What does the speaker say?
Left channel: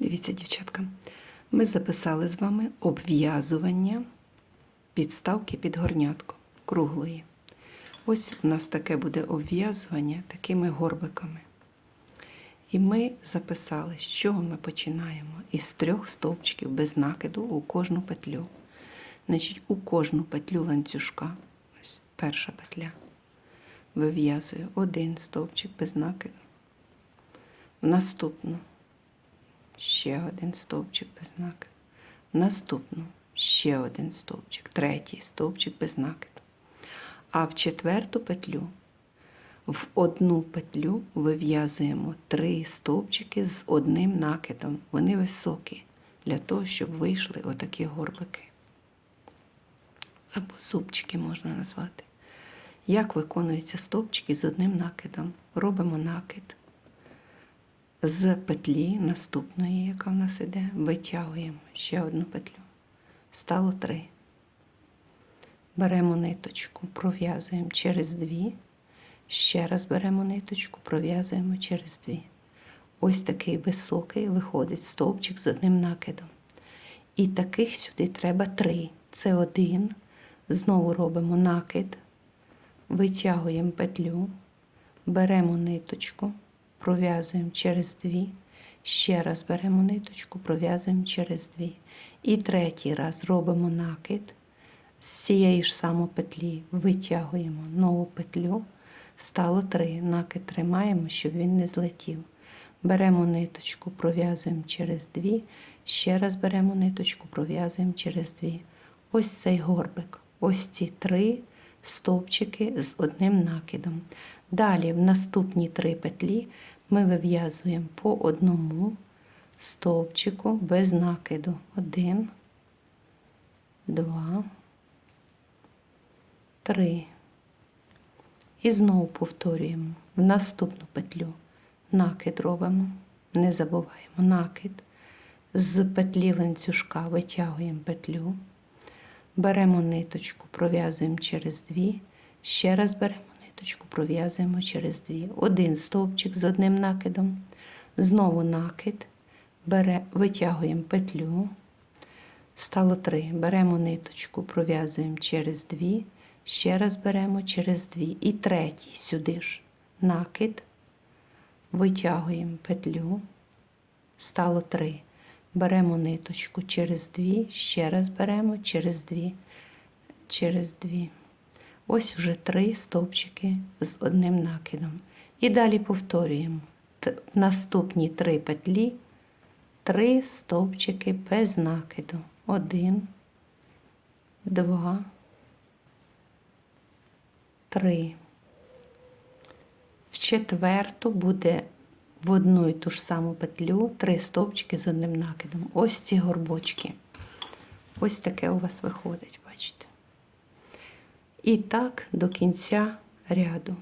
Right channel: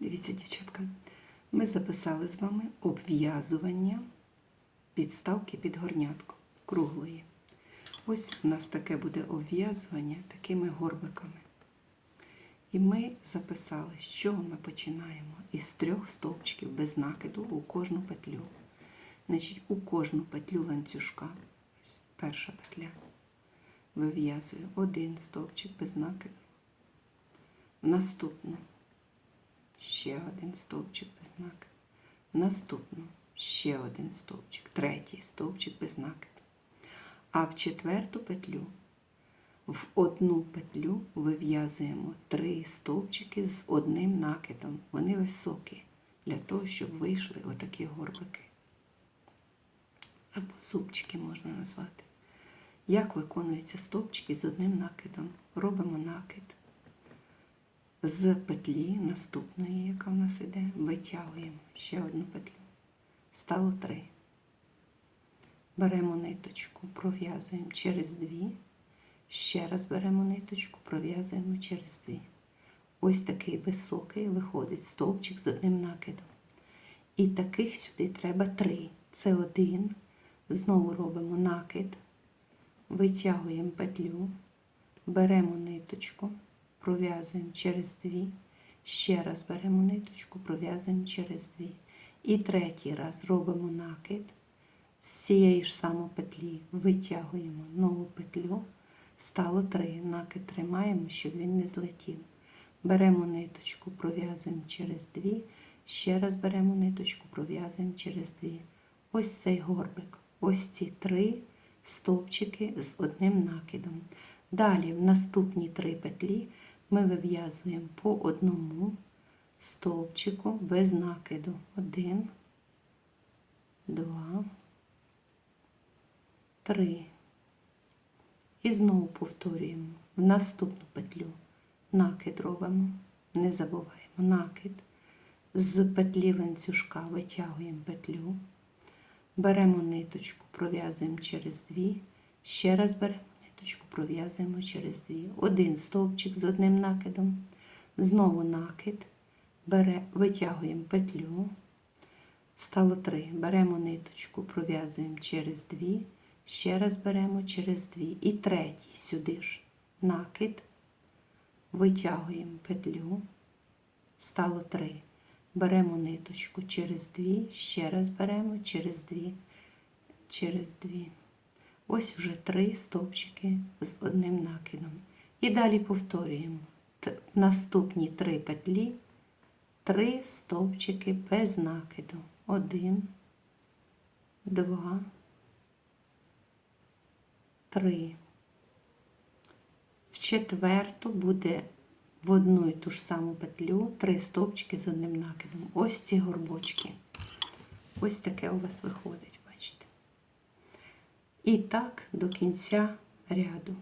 Дивіться, дівчатка, ми записали з вами обв'язування підставки під горнятку круглої. Ось у нас таке буде обв'язування такими горбиками. І ми записали, з чого ми починаємо? Із трьох стовпчиків без накиду у кожну петлю. Значить, у кожну петлю ланцюжка, ось перша петля, вив'язую один стовпчик без накиду. В наступну ще один стовпчик без накиду. Наступну ще один стовпчик, третій стовпчик без накиду. А в четверту петлю в одну петлю вив'язуємо три стовпчики з одним накидом. Вони високі, для того, щоб вийшли отакі горбики. Або зубчики можна назвати. Як виконуються стовпчики з одним накидом? Робимо накид. З петлі наступної, яка в нас іде, витягуємо ще одну петлю. Стало три. Беремо ниточку, пров'язуємо через дві. Ще раз беремо ниточку, пров'язуємо через дві. Ось такий високий виходить стовпчик з одним накидом. І таких сюди треба три. Це один. Знову робимо накид, витягуємо петлю, беремо ниточку, пров'язуємо через дві. Ще раз беремо ниточку, пров'язуємо через дві. І третій раз робимо накид. З цієї ж самої петлі витягуємо нову петлю. Стало три. Накид тримаємо, щоб він не злетів. Беремо ниточку, пров'язуємо через дві. Ще раз беремо ниточку, пров'язуємо через дві. Ось цей горбик. Ось ці три стовпчики з одним накидом. Далі в наступні три петлі ми вив'язуємо по одному стовпчику без накиду. Один, два, три. І знову повторюємо в наступну петлю. Накид робимо, не забуваємо накид. З петлі ланцюжка витягуємо петлю, беремо ниточку, пров'язуємо через дві, ще раз беремо ниточку, пров'язуємо через дві. Один стовпчик з одним накидом, знову накид, бере, витягуємо петлю, стало три. Беремо ниточку, пров'язуємо через дві. Ще раз беремо через дві. І третій сюди ж накид, витягуємо петлю, стало три. Беремо ниточку через дві, ще раз беремо через дві, через дві. Ось вже три стовпчики з одним накидом. І далі повторюємо. В наступні три петлі три стовпчики без накиду. Один, два, три. В четверту буде в одну і ту ж саму петлю три стовпчики з одним накидом. Ось ці горбочки. Ось таке у вас виходить, бачите. І так до кінця ряду.